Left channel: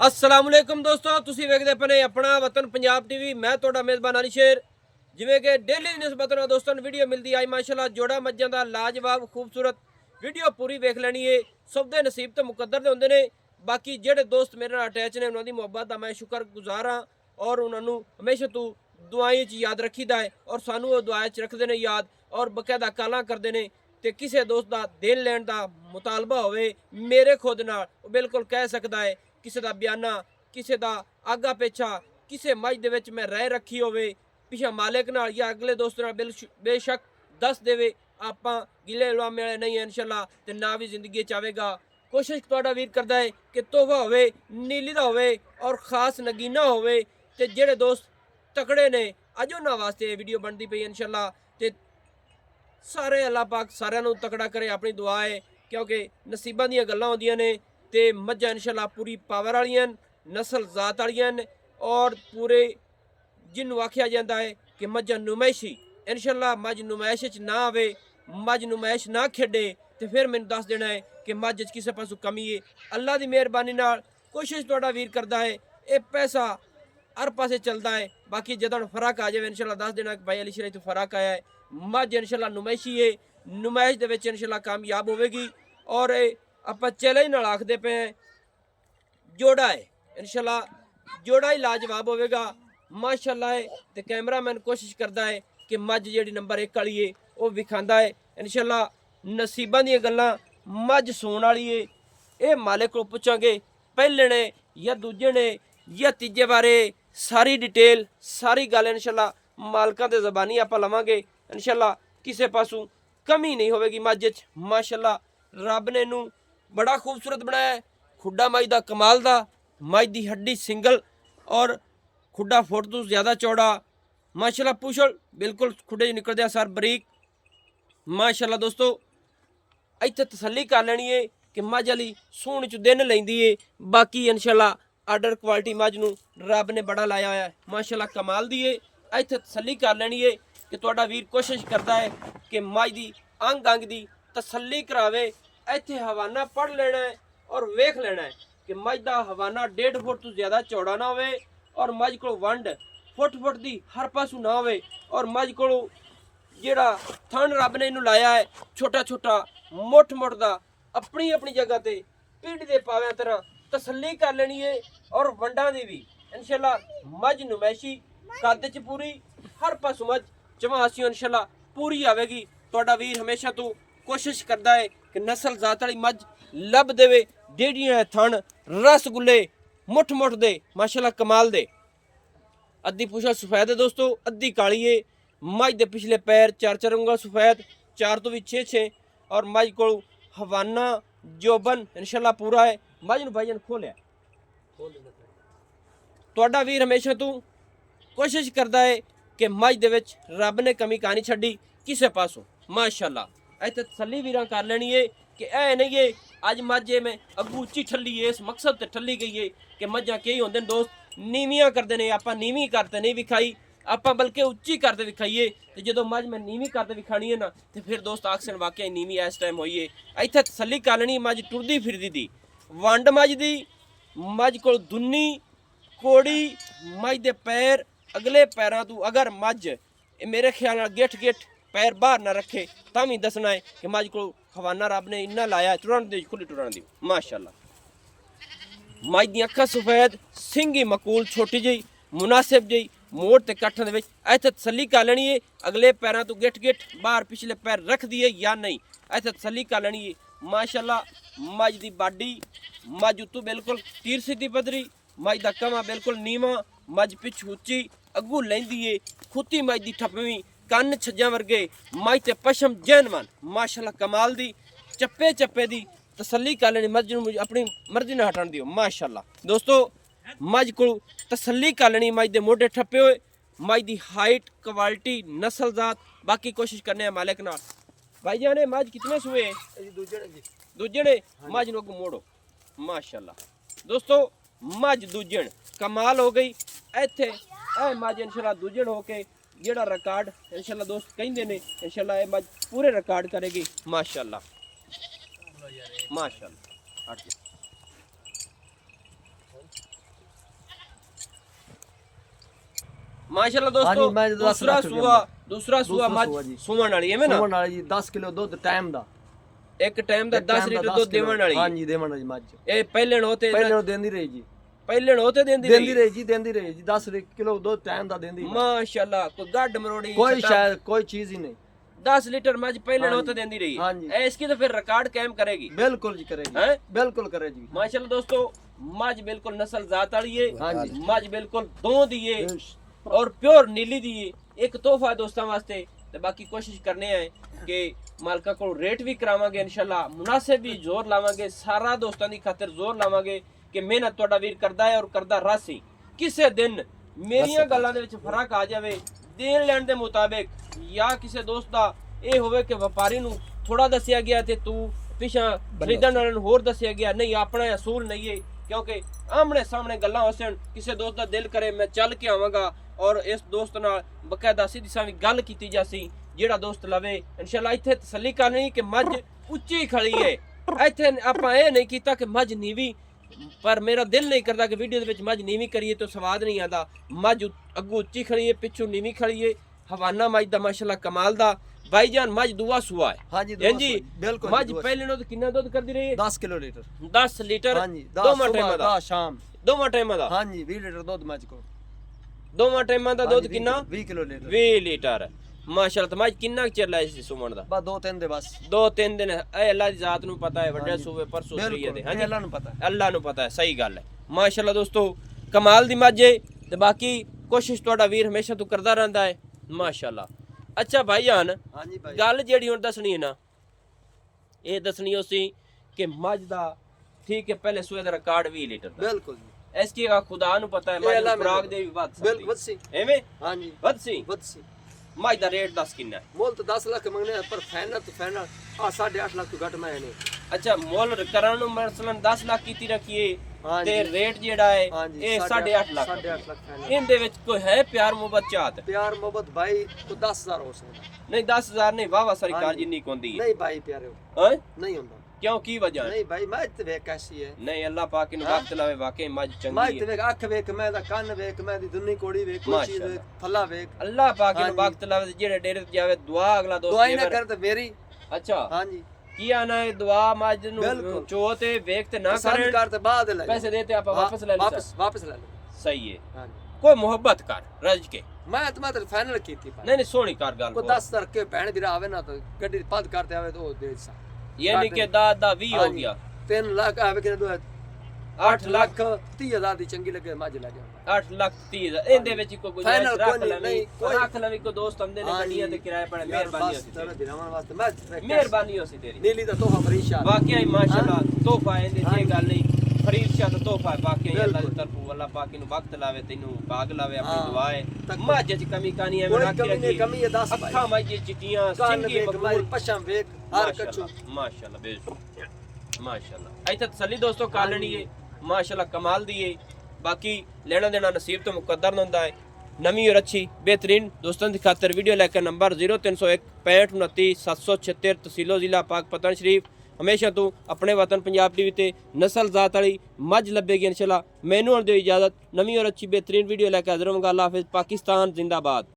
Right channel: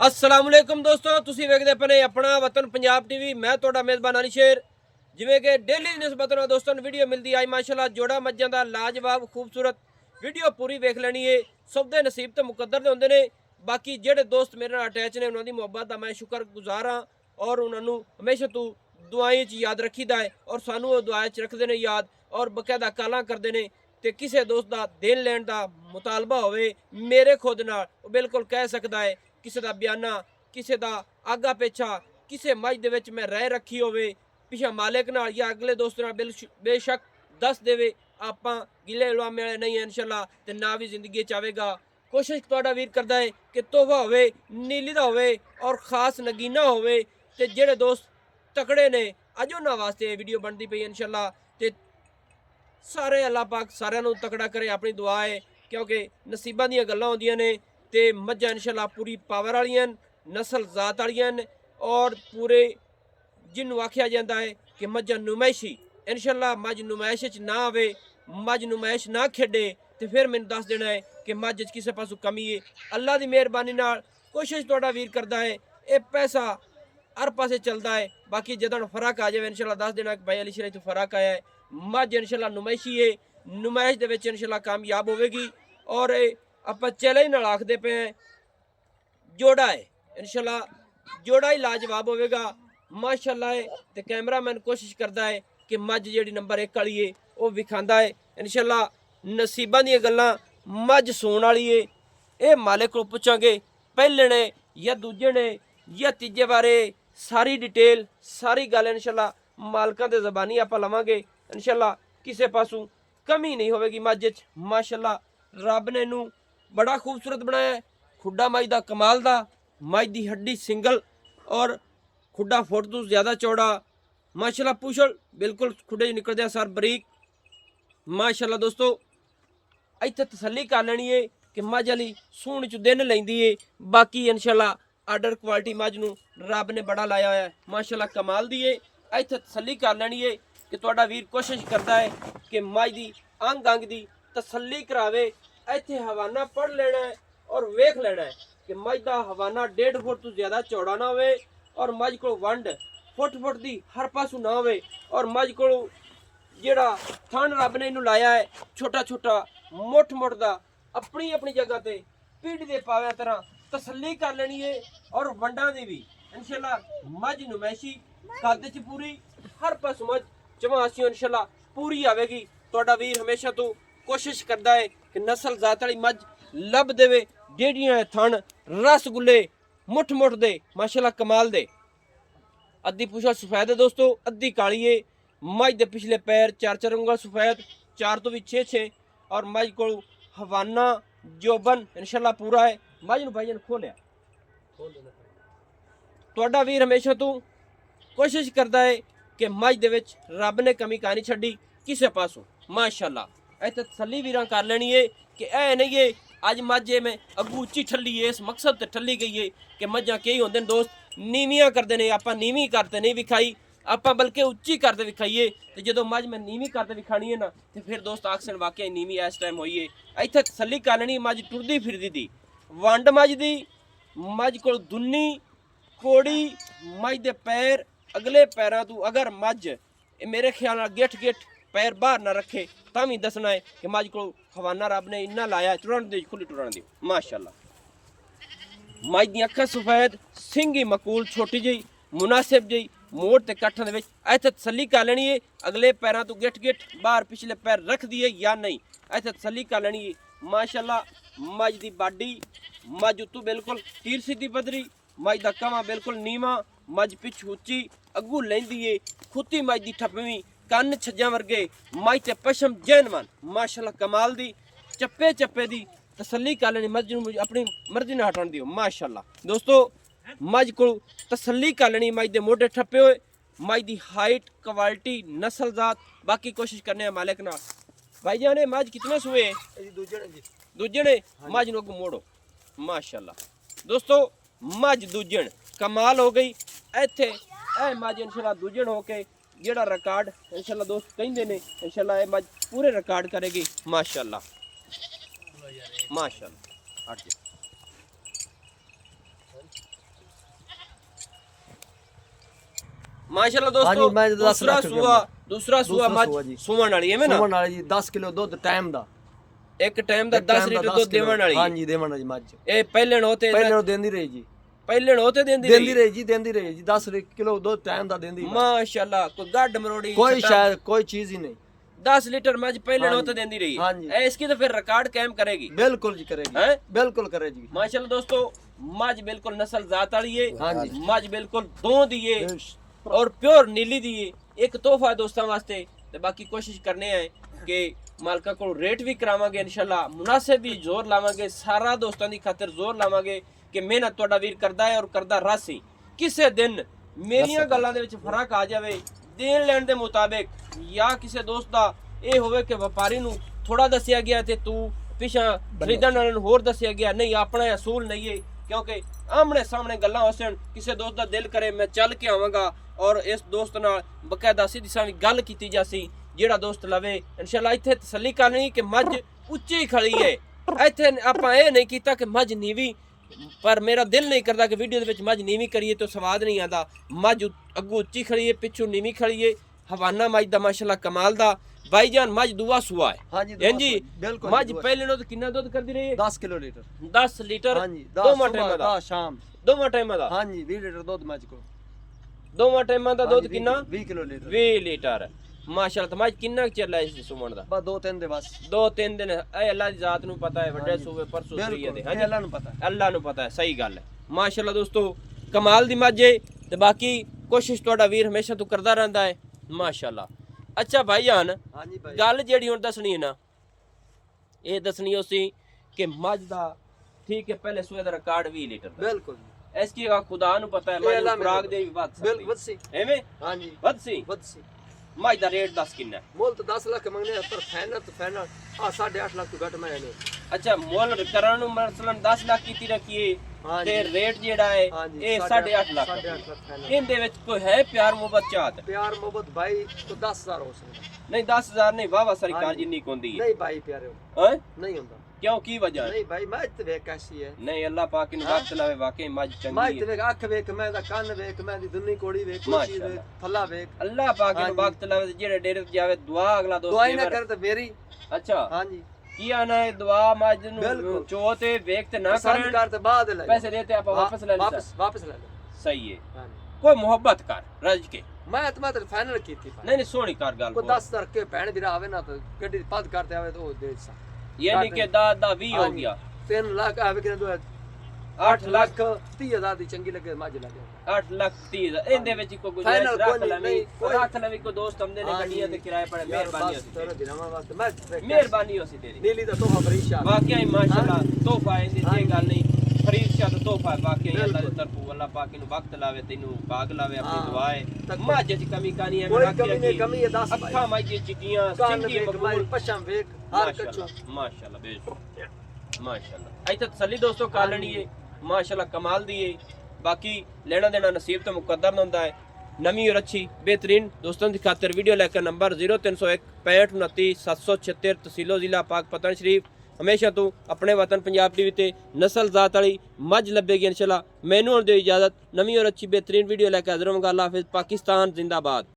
अस्सलाम वालेकुम दोस्तों, तुसी वेखदे पने अपना वतन पंजाब टीवी। मैं तुहाडा मेज़बान अली शेर। जिवें कि डेली निस्बत नाल दोस्तों वीडियो मिलती आई माशाल्लाह जोड़ा मज्जां दा लाजवाब खूबसूरत वीडियो पूरी वेख लैनी है। सब दे नसीब ते मुकद्दर दे हुंदे ने। बाकी जेड़े दोस्त मेरे नाल अटैच ने उन्हां दी मुहब्बत दा मैं शुक्रगुजार हाँ और उन्हां नूं हमेशा तू दुआएं च याद रखीदा है और सानू वो दुआएं च रखदे ने याद और बकायदा कालां करदे ने। ते किसी दोस्त दा देन लैण दा मुतालबा होवे मेरे खुद नाल बिल्कुल कह सकदा है, किसी दा बयाना किसी दा आगा पेछा किसी मज दे विच मैं रह रखी होवे पिछा मालिक नाल या अगले दोस्त नाल बेशक दस देवे आपां गिले लुआमे वाले नहीं है इंशाल्लाह ते ना भी जिंदगी च आवेगा। कोशिश तुहाडा वीर करदा है कि तोहफा होवे नीली दा होवे और खास नगीना होवे ते जेड़े दोस्त तकड़े ने अज उन्हां वास्ते वीडियो बनदी पई इंशाल्लाह ते सारे अल्लाह पाक सारिਆਂ ਨੂੰ तकड़ा करे अपनी दुआ है क्योंकि नसीबां ਦੀਆਂ ਗੱਲਾਂ ਹੁੰਦੀਆਂ ਨੇ ਤੇ ਮੱਝਾਂ इंशाल्लाह पूरी पावर वालियां नस्ल जात वालियां और पूरे जिन्हों आख्या जाता है कि मझ नुमाइशी इंशाल्लाह मझ नुमाइश ना आवे मझ नुमाइश ना खेडे तो फिर मैंने दस देना है कि मझ किसी पासों कमी है। अल्लाह की मेहरबानी नाल कोशिश तुहाडा वीर करता है ये पैसा हर पासे चलता है। बाकी जदों फर्क आ जाए इंशाल्लाह दस देना कि भाई अली शरीफ तो फर्क आया है। मझ इंशाल्लाह नुमाइशी है नुमाइश दे विच इंशाल्लाह कामयाब होवेगी और आप चैलेंज नाल आखदे पे हैं जोड़ा है इंशाल्लाह जोड़ा ही लाजवाब होवेगा माशाल्लाह है। तो कैमरामैन कोशिश करता है कि मझ जी नंबर 1 वाली है वह विखांदा है इंशाल्लाह नसीबां दी गल्लां मझ सूण वाली है। ये मालिक को पुछांगे पहले ने या दूजे ने या तीजे बारे सारी डिटेल सारी गल इंशाल्लाह मालकां दे ज़बानी आप लवांगे इंशाल्लाह किसी पासों कमी नहीं होवेगी मझ च। माशाल्लाह रब ने नूं बड़ा खूबसूरत बनाया खुड्डा मझ दा कमाल दा मझ दी हड्डी सिंगल और खुड्डा फुट तो ज़्यादा चौड़ा माशाल्लाह पुछल बिल्कुल खुड्डे निकलदे सर बरीक माशाल्लाह। दोस्तों इत्थे तसल्ली कर लेनी है कि मझ वाली सूण च दिन लैंदी है। बाकी इंशाल्लाह आर्डर क्वालिटी मझ नूं रब ने बड़ा लाया होया माशाल्लाह कमाल दी है। इत्थे तसल्ली कर लेनी है कि तुहाडा वीर कोशिश करता है कि मझ दी अंग अंग दी तसल्ली करावे। इत्थे हवाना पढ़ लेना है और वेख लेना है कि मझ दा हवाना 1.5 फुट तो ज़्यादा चौड़ा ना होवे और मझ को वंड फुट फुट दी हर पासों ना होवे और मझ को जेड़ा थन रब ने इनू लाया है छोटा छोटा मुठ मुठ दा अपनी अपनी जगह ते पीढ़ी दे पाव्या तरह तसल्ली कर लेनी है। और वंडा दी भी इंशाल्लाह मझ नुमैशी कद च पूरी हर पासों मझ चमासियों इंशाल्लाह पूरी आवेगी। तुहाडा वीर हमेशा तो कोशिश करता है कि नस्ल जात वाली मझ लभ देवे डेढ़ियां थन रसगुल्ले मुठ मुठ दे माशाल्लाह कमाल दे। अद्धी पुछा सफेद है दोस्तों अद्धी काली है। मझ दे पिछले पैर 4 उंगल सफेद 4 तो भी 6 और मझ को हवाना जोबन इंशाल्लाह पूरा है। मझ नूं भाईजान खोलिया तुहाडा वीर हमेशा तो कोशिश करता है कि मझ दे विच रब ने कमी कहानी छड्डी किसी पासों माशाल्लाह। इत्थे तसल्ली वीरां कर लेनी है कि ऐ नहीं है अज मझ में अगू उच्ची ठल्ली है इस मकसद ते ठल्ली गई है कि मझां कई होंदे दोस्त नीवियां करते हैं आपां नीवी करते नहीं विखाई आपां बल्कि उच्ची करते विखाईए तो जो मझ में नीवी करते विखानी है ना तो फिर दोस्त आखसन वाकई नीवी इस टाइम होई है। इत्थे तसल्ली कर लेनी मझ टुरदी फिरदी दी वंड मझ दी मझ को दुन्नी कोड़ी मझ दे पैर अगले पैरों तो अगर मझ मेरे ख्याल गिठ गिठ पैर बाहर ना रखे तो भी दसना है कि मझ को हवाना रब ने इन्ना लाया टुरन दी खुली टुरन दी माशाल्लाह। मझ दी अखां सफेद सिंगी मकूल छोटी जी मुनासिब जी मोड़ ते कट्ठन दे विच इत्थे तसल्ली कर लेनी है अगले पैरों तो गिठ गिठ बाहर पिछले पैर रख दिए या नहीं इत्थे तसल्ली कर लेनी है माशाल्लाह। मझ दी बाडी मझ उत्तों बिल्कुल तीर सीधी पदरी मझ दा कमा बिल्कुल नीवा मझ पिछ उच्ची अगू लैंदी है खुती मझ दी ठप्पवीं कन्न छज्जां वर्गे मझ ते पशम जैनवन माशाल्लाह कमाल दी चप्पे चप्पे दी तसल्ली कर लेनी मझ नूं अपनी मर्जी नाल हटण दिओ माशाल्लाह। दोस्तों मझ को तसल्ली कर लेनी मझ दे मोढे ठप्पे होए मझ दी हाइट क्वालिटी नस्ल जात बाकी कोशिश करने हैं मालिक नाल। भाईजान ने मझ कितने सूए दूजे ने मझ नूं अगों मोड़ो माशाल्लाह। दोस्तों मझ दूजण कमाल हो गई इत्थे ए मझ इंशाल्लाह दूजण होके जेड़ा रिकॉर्ड इंशाल्लाह दोस्त कहिंदे ने इंशाल्लाह ए मझ पूरे रिकॉर्ड करेगी माशाल्लाह माशाल्लाह। ਮਾਸ਼ਾਅੱਲਾ ਦੋਸਤੋ ਹਾਂਜੀ, ਮੈਂ 10 ਲੱਖ ਰੁਪਏ ਦੂਸਰਾ ਸੂਆ ਮੱਝ ਜੀ। ਸੂਣ ਵਾਲੀ ਐਵੇਂ ਨਾ ਸੁਮਨ ਵਾਲੀ ਜੀ 10 ਕਿਲੋ ਦੁੱਧ ਟਾਈਮ ਦਾ ਇੱਕ ਟਾਈਮ ਦਾ 10 ਲੀਟਰ ਦੁੱਧ ਦੇਵਣ ਵਾਲੀ ਹਾਂਜੀ ਦੇਵਣ ਵਾਲੀ ਮੱਝ ਇਹ ਪਹਿਲੇ ਨੂੰ ਤੇ ਪਹਿਲੇ ਨੂੰ ਦਿੰਦੀ ਰਹੀ ਜੀ ਪਹਿਲੇ ਨੂੰ ਤੇ ਦਿੰਦੀ ਦਿੰਦੀ ਰਹੀ ਜੀ 10 ਕਿਲੋ ਦੁੱਧ ਟਾਈਮ ਦਾ ਦਿੰਦੀ ਮਾਸ਼ਾਅੱਲਾ ਕੋਈ ਗੱਡ ਮਰੋੜੀ ਕੋਈ ਸ਼ਾਇਦ ਕੋਈ ਚੀਜ਼ ਹੀ ਨਹੀਂ 10 ਲੀटर मज पहले होते देंदी रही हाँ जी। इसकी तो फिर रिकॉर्ड कायम करेगी बिल्कुल जी करेगी हैं बिल्कुल करेगी माशाल्लाह दोस्तों मज बिल्कुल नस्ल जात वाली है हाँ जी। मज बिल्कुल दो दिए और प्योर नीली दिए एक तोहफा दोस्तों वास्ते ते बाकी कोशिश करने हैं कि मालका को रेट भी करावांगे इंशाल्लाह मुनासिब भी जोर लावांगे सारा दोस्तों दी खातिर जोर लावांगे कि मेहनत तोड़ा वीर करदा है और करदा रासी किसे दिन मेरियां गल्लां दे विच फर्क आ जावे देन लैण दे मुताबिक या किसी दोस्त ਦਾ ਇਹ ਹੋਵੇ ਕਿ ਵਪਾਰੀ ਨੂੰ ਥੋੜਾ ਦੱਸਿਆ ਗਿਆ ਤੇ ਤੂੰ ਪਿਛਾ ਖਰੀਦਣ ਵਾਲੇ ਨੂੰ ਹੋਰ ਦੱਸਿਆ ਗਿਆ ਨਹੀਂ ਆਪਣਾ ਅਸੂਲ ਨਹੀਂ ਹੈ ਕਿਉਂਕਿ ਆਮਣੇ ਸਾਹਮਣੇ ਗੱਲਾਂ ਹੋਸਣ ਕਿਸੇ ਦੋਸਤ ਦਾ ਦਿਲ ਕਰੇ ਮੈਂ ਚੱਲ ਕੇ ਆਵਾਂਗਾ ਔਰ ਇਸ ਦੋਸਤ ਨਾਲ ਬਕਾਇਦਾ ਸਿੱਧੀ ਸਾਵੀਂ ਗੱਲ ਕੀਤੀ ਜਾਸੀ ਜਿਹੜਾ ਦੋਸਤ ਲਵੇ ਇਨਸ਼ਾਅੱਲਾ ਇੱਥੇ ਤਸੱਲੀ ਕਰਨੀ ਕਿ ਮੱਝ ਉੱਚੀ ਖੜੀ ਹੈ ਇੱਥੇ ਆਪਾਂ ਇਹ ਨਹੀਂ ਕੀਤਾ ਕਿ ਮੱਝ ਨੀਵੀਂ पर मेरा दिल नहीं करता कि वीडियो दे विच मझ नीवी करिए तो स्वाद नहीं आता मझ अगू उच्ची खड़ी है पिछू नीवी खड़ी है हवाना मझ दा माशाल्लाह कमाल दा भाईजान मझ दुआ सुआ है हां जी जी बिल्कुल मझ पहले नो तो कितना दूध कर दी रही है 10 किलो लीटर 10 लीटर हां जी दोवां टाइम दा शाम दोवां टाइम दा हां जी 20 लीटर दूध मझ को दोवां टाइम दा दूध कितना 20 किलो लीटर 20 लीटर माशाल्लाह मझ कितना चिर लाए सी सुमन दा बस 2-3 दिन बस 2-3 दिन ए अल्लाह दी जात नु पता है वड्डे सूबे पर सुधरी है हां जी अल्लाह नु पता है अल्लाह नु पता है सही गल है माशाल्लाह दोस्तों कमाल दी मझ है ते बाकी कोशिश तोड़ा वीर हमेशा तू करदा रहंदा है माशाल्लाह अच्छा भाईजान हां जी भाई गल जेड़ी हुन दसनी है ना ये दसनी होसी कि मझ दा ठीक है पहले सूए दा रिकॉर्ड 20 लीटर दा बिल्कुल इसकी खुदा नु पता है मझ खुराक दे भी वध बिल्कुल वसी एवें हां जी वधसी मझ दा रेट 10 किन्ना मोल तो 10 लाख मंगने पर फाइनल तो फाइनल 8.5 लाख तो घट मैं नहीं अच्छा मोल करन नु मसलन 10 लाख कीती रखिए हां ते जी रेट जेड़ा है ये 8.5 लाख 8.5 लाख फाइनल इन दे विच कोई है प्यार मोहब्बत चाहत प्यार मोहब्बत भाई तो 10,000 हो सकता नहीं 10,000 नहीं वाह वाह सरकार जिन्नी कोंदी है नहीं भाई प्यारे हैं नहीं होता क्यों की वजह है नहीं भाई मैं ते वेख कैसी है नहीं अल्लाह पाक ने वक्त लावे वाकई मज मैं चंगी ते है वेख आंख वेख मैं दा कान वेख मैं दी दुन्नी कोड़ी वेख कोई चीज वेख फला वेख अल्लाह पाक ने वक्त लावे जेड़े डेरे ते जावे दुआ अगला दोस्त दुआई ना देवर। कर तो मेरी अच्छा हां जी किया ना दुआ मज नु बिल्कुल। चोते वेख ते ना पसंद करे कर तो बाद ले पैसे देते आप वापस ले ले वापस ले ले सही है हां जी कोई मोहब्बत कर रज के मैं तो फाइनल की थी नहीं नहीं सोनी कर गल को 10,000 के भैन भी आवे ना तो गड्डी पद करते आवे तो दे सा यानी कि दा 20 हो गया 3 लाख आवे के 8 लाख 30,000 दी चंगी लगे मज लगे 8 लाख 30,000 इनदे विच कोई गुजारिश Final रख कोई ले नहीं, कोई- रख ले कोई दोस्त हमदे ने हाँ गड्डियां जी। ते किराए पर मेहरबानी बस होसी तेरे दिलावन वास्ते मैं मेहरबानी होसी तेरी नीली दा तोहफा फरीशा वाकई माशाल्लाह तोहफा इंदी हाँ ये जी। गल नहीं फरीद शाह दा तोहफा है वाकई बिल्कुल। अल्लाह दी तरफों अल्लाह पाक नु वक्त लावे तैनू बाग लावे अपनी हाँ। दुआ है तक- माजे च कमी कानी है कोई मैं कमी नहीं कमी है 10 अखा माजे चिटियां कान सिंगी वेख बकूल मारी पशम वेख हर कछु माशाल्लाह बेशक माशाल्लाह ऐ तसल्ली दोस्तों कालनी है माशाल्लाह कमाल दी है बाकी लेना देना नसीब तो मुकद्दर ना होंदा है नवी और अच्छी बेहतरीन दोस्तों की खातर वीडियो लेकर नंबर 0301 65 29 776 तहसीलो जिला पाक पतन शरीफ हमेशा तू अपने वतन पंजाब टीवी ते नस्ल जात वाली मझ लभेगी इंशाल्लाह मैनू दे इजाजत नवी और अच्छी बेहतरीन वीडियो लेकर हाजिर होऊंगा अल्लाह हाफिज पाकिस्तान जिंदाबाद।